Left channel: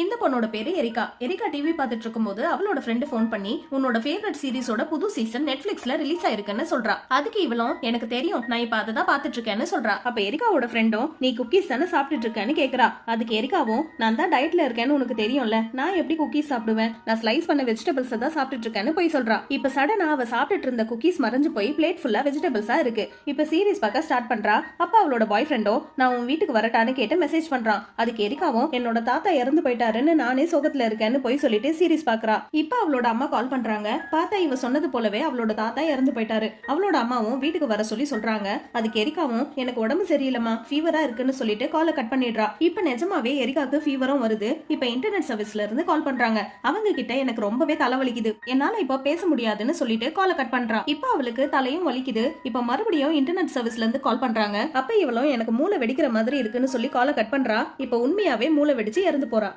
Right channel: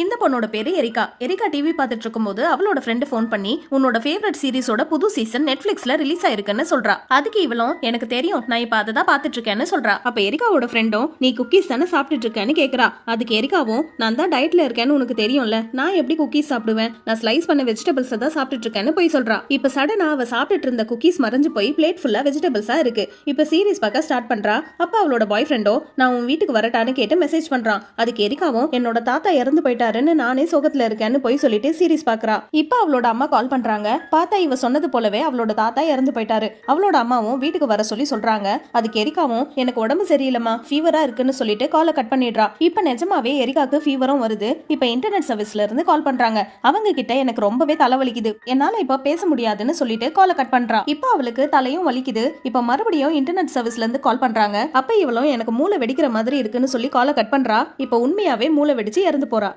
இந்த பொண்ணோட பேரு எரிகா. எரிகா டிவி பார்த்துட்டு இருக்கும்போது அவளோட ஃப்ரெண்டு ஃபோன் பண்ணி உன்னோட ஃபேவரட் சீரிஸோட புது சீசன் நெட்ஃபிளிக்ஸ்ல ரிலீஸ் ஆயிருக்குன்னு சொல்றா. அதுக்கு இவளும் எனக்கு தெரியும், நான் இப்ப அதை தான் பார்த்துட்டு இருக்கேன்னு சொல்றா. அப்ப எரிகாவோட ஃப்ரெண்டும் நீ குக்கீஸ் தானே சாப்பிட்டுட்டு இருக்கேன்னு கேக்குறா. அதுக்கு எரிகாவும் நான் தான் டயட்ல இருக்கேன்னு உனக்கு தெரியும்ல, நான் எப்படி குக்கீஸ் சாப்பிடுவேன், நான் ஸ்லைஸ் பண்ண வெஜிடபிள்ஸ் தான் சாப்பிட்டுட்டு இருக்கேன்னு போய் சொல்றா. இப்ப சடனா அவ சாப்பிட்டுட்டு இருந்த குக்கீஸ் மறைஞ்சு போய் பிளேட் ஃபுல்லா வெஜிடபிள்ஸா இருக்கு. இப்ப சீரிஸ் பார்க்க ஸ்டார்ட் பண்றா. அப்ப அவளோட பாய் ஃப்ரெண்டோ நான் உன் வீட்டுக்கு வரட்டான்னு கேட்டு மெசேஜ் பண்றான். அதுக்கு எரிகாவும் என்னோட தாத்தா இறந்து போயிட்டாருன்னு நானே சோகத்துல இருக்கேன்னு போய் சொல்லிட்டு சீரிஸ் பாக்குறா. இப்ப அவளோட அம்மா கால் பண்றாங்க. பார்த்தா இவ சொன்னது போலவே அவளோட தாத்தா இறந்து போயிட்டாரு. அவளோட அம்மாவும் வீட்டுக்கு வர சொல்லி சொல்றாங்க. அதுக்கு எரிகாவும் எனக்கு உடம்பு சரியில்லைமா, ஃபீவரா இருக்குன்னு சொல்லிட்டு காலை கட் பண்ணிடுறா. இப்ப நிஜமாவே எரிகாக்கு ஃபீவரும் வருது. இப்ப இன்டர்நெட் சர்வீஸ்ல இருந்து கால் பண்றாங்க. அவங்க கிட்ட எனக்கு ரொம்பவே தலைவலிக்குது, என்னால இப்ப பேச முடியாதுன்னு சொல்லிட்டு காலை கட் பண்றா. இப்ப அவளுக்கு தலையும் வலிக்குது. இப்ப மறுபடியும் இன்டர்நெட் சர்வீஸ்ல இருந்து கால் பண்றாங்க. அப்ப இவளும் எனக்கு மூளை வெடிக்கிற மாதிரி இருக்குன்னு சொல்லி காலை கட் பண்றா. இப்ப உண்மையாவே மூளை வெடிச்சு இறந்து போறா.